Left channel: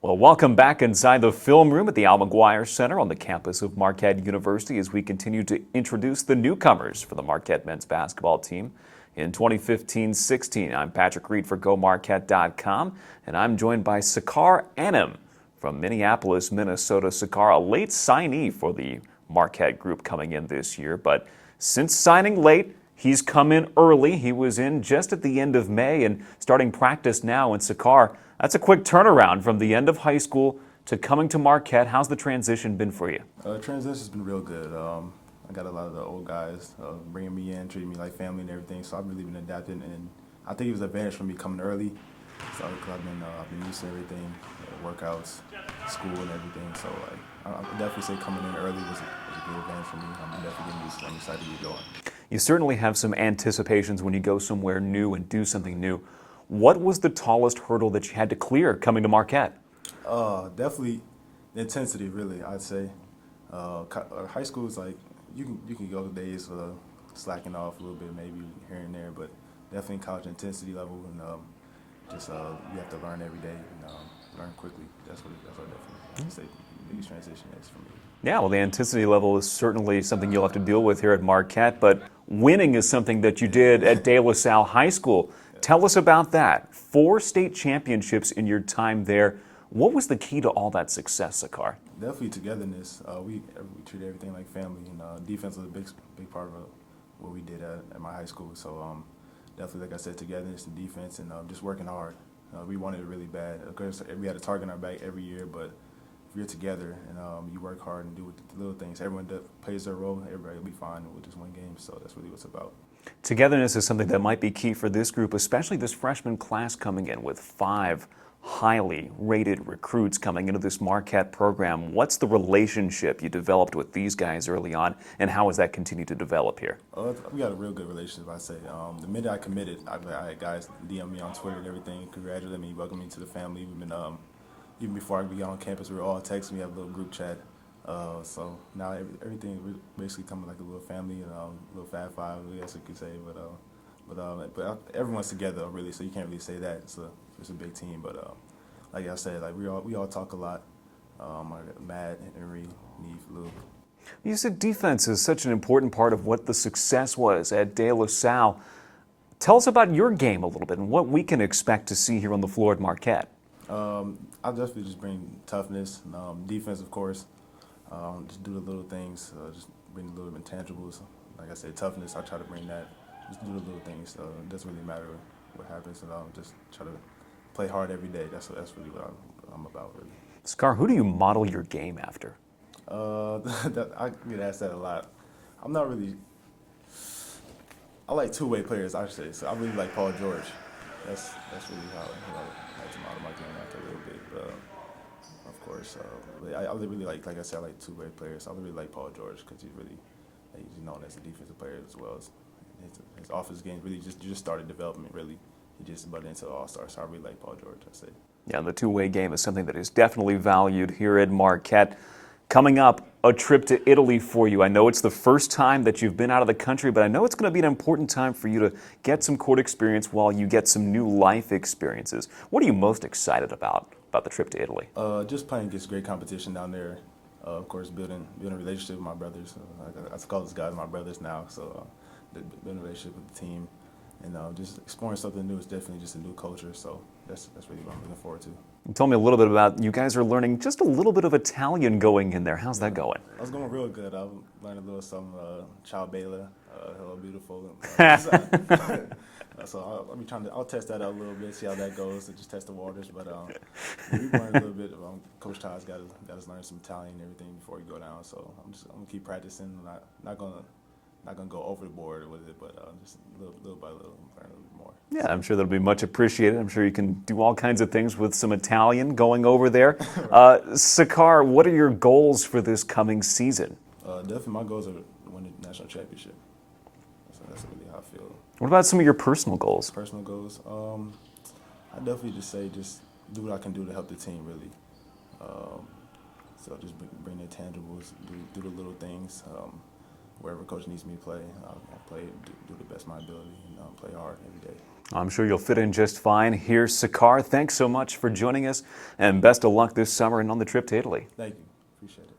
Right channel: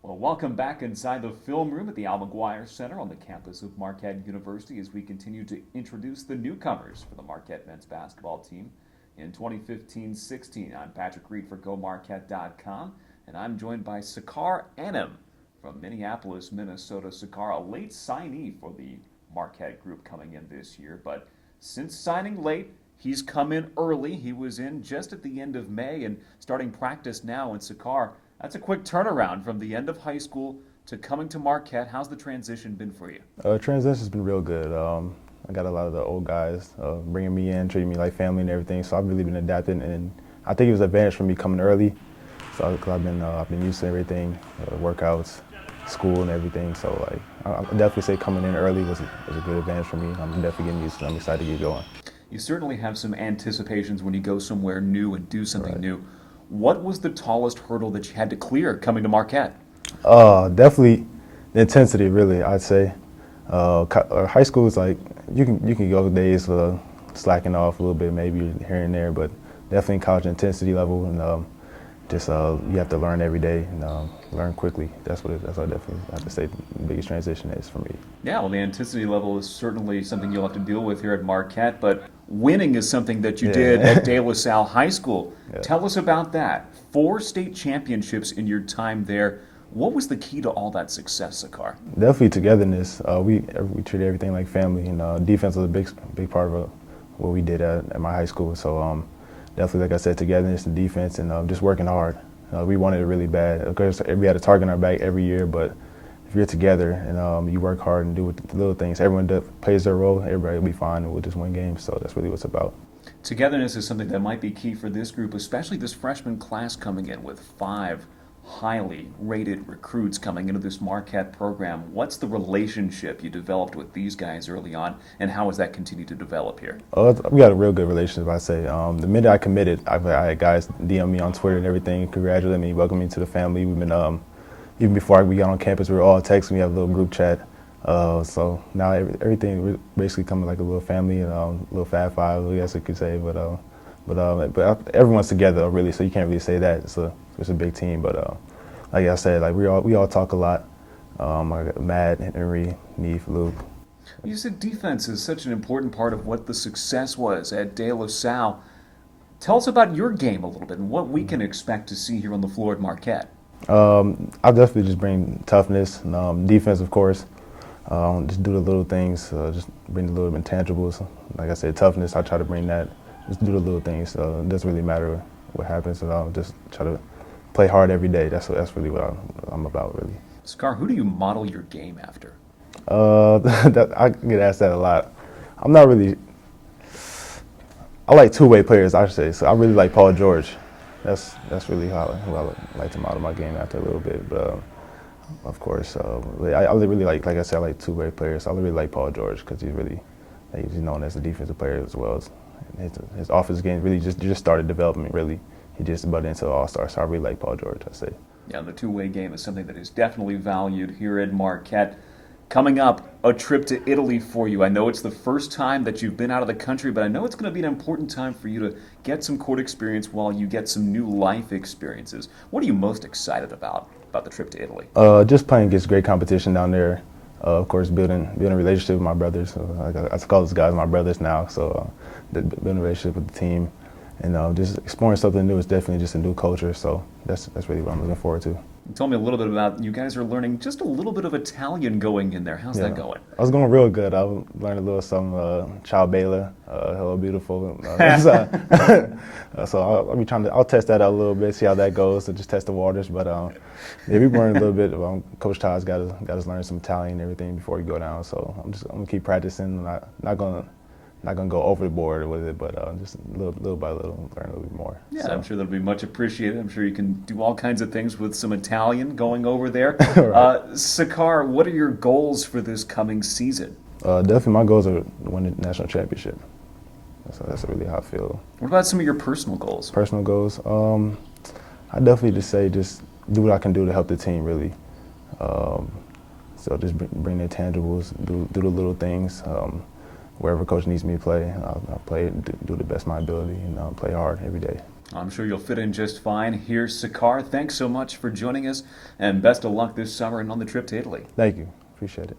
Well, welcome back inside the film room at the Al McGuire Center on the campus of Marquette University as we continue to introduce the newcomers for the Marquette men's basketball team in 2015-16. I'm Patrick Reed for GoMarquette.com, and I'm joined by Sacar Anim from Minneapolis, Minnesota. Sacar, a late signee for the Marquette group coming in this year, but since signing late, he's come in early. He was in just at the end of May and starting practice now. And Sacar, that's a quick turnaround from the end of high school to coming to Marquette. How's the transition been for you? Transition's been real good. I got a lot of the old guys bringing me in, treating me like family and everything. So I've really been adapting, and I think it was an advantage for me coming early. So I've been used to everything, workouts, school, and everything. So I definitely say coming in early was a good advantage for me. I'm definitely getting used to it. I'm excited to get going. You certainly have some anticipations when you go somewhere new and do something new. What was the tallest hurdle that you had to clear coming to Marquette? Definitely the intensity, really, I'd say. High school is like, you can go days slacking off a little bit, maybe here and there, but definitely college intensity level, and you have to learn every day and learn quickly. That's what I definitely have to say the biggest transition is for me. Yeah, well, the intensity level is certainly something you'll have to deal with here at Marquette, but winning is something that you did at De La Salle High School. Yeah. Tell us about that. 4 state championships in your time there. What was the key to all that success, Sacar? Definitely togetherness. We treated everything like family, and defense was a big part of what we did at my high school. So definitely, like I said, togetherness and defense, and just working hard. We wanted it really bad. Of course, we had a target on our back every year, but if you're together and you work hard and do the little things, everyone plays their role, everybody will be fine, and we'll just win games. So that's really what it's about. Togetherness is something that might be key for this group, especially this freshman class coming in with 5 highly rated recruits coming into this Marquette program. What's the relationship you developed with these guys early on, and how has that continued to develop here? We got a real good relationship, I'd say. The minute I committed, I had guys DM me on Twitter and everything, congratulate me, welcome me to the family. We've been, even before we got on campus, we were all texting. We have a little group chat. So now everything basically coming like a little family, and a little Fab Five, I guess you could say. But everyone's together, really, so you can't really say that. It's a big team, but like I said, like we all talk a lot. I got Matt, Henry, Neef, Luke. You said defense is such an important part of what the success was at De La Salle. Tell us about your game a little bit and what we can expect to see here on the floor at Marquette. I'll definitely just bring toughness, and, defense, of course. Just do the little things, just bring the little intangibles. Like I said, toughness, I try to bring that. Just do the little things. It doesn't really matter what happens. I'll just try to play hard every day. That's really what I'm about, really. Sacar, who do you model your game after? I get asked that a lot. I'm not really. I like two-way players, I should say. So I really like Paul George. That's really who I like to model my game after a little bit. But of course, I really like I said, I like two-way players. I really like Paul George because he's known as a defensive player as well as his offensive game really just started developing. Really, he just butted into All-Star. So I really like Paul George, I say. Yeah, the two-way game is something that is definitely valued here at Marquette. Coming up, a trip to Italy for you. I know it's the first time that you've been out of the country, but I know it's going to be an important time for you to get some court experience while you get some new life experiences. What are you most excited about the trip to Italy? Just playing against great competition down there. Of course, building a relationship with my brothers. I call those guys my brothers now. So building a relationship with the team, and just exploring something new is definitely just a new culture. So that's really what I'm looking forward to. Tell me a little bit about, you guys are learning just a little bit of Italian going in there. How's that going? I was going real good. I learned a little some Ciao Bella, Hello Beautiful. So I'll test that out a little bit, see how that goes, and just test the waters. But yeah, we learned a little bit. Coach Todd's got us learn some Italian and everything before we go down. So I'm gonna keep practicing. Not gonna go overboard with it, but just little by little, learn a little bit more. Yeah, so. I'm sure that'll be much appreciated. I'm sure you can do all kinds of things with some Italian going over there. Right. Sacar, what are your goals for this coming season? Definitely my goals are to win the national championship. That's really how I feel. What about some of your personal goals? Personal goals? I definitely just say just do what I can do to help the team, really. So just bring the intangibles, do the little things. wherever coach needs me to play, I'll play and do the best of my ability and play hard every day. I'm sure you'll fit in just fine. Here's Sacar. Thanks so much for joining us, and best of luck this summer and on the trip to Italy. Thank you. Appreciate it.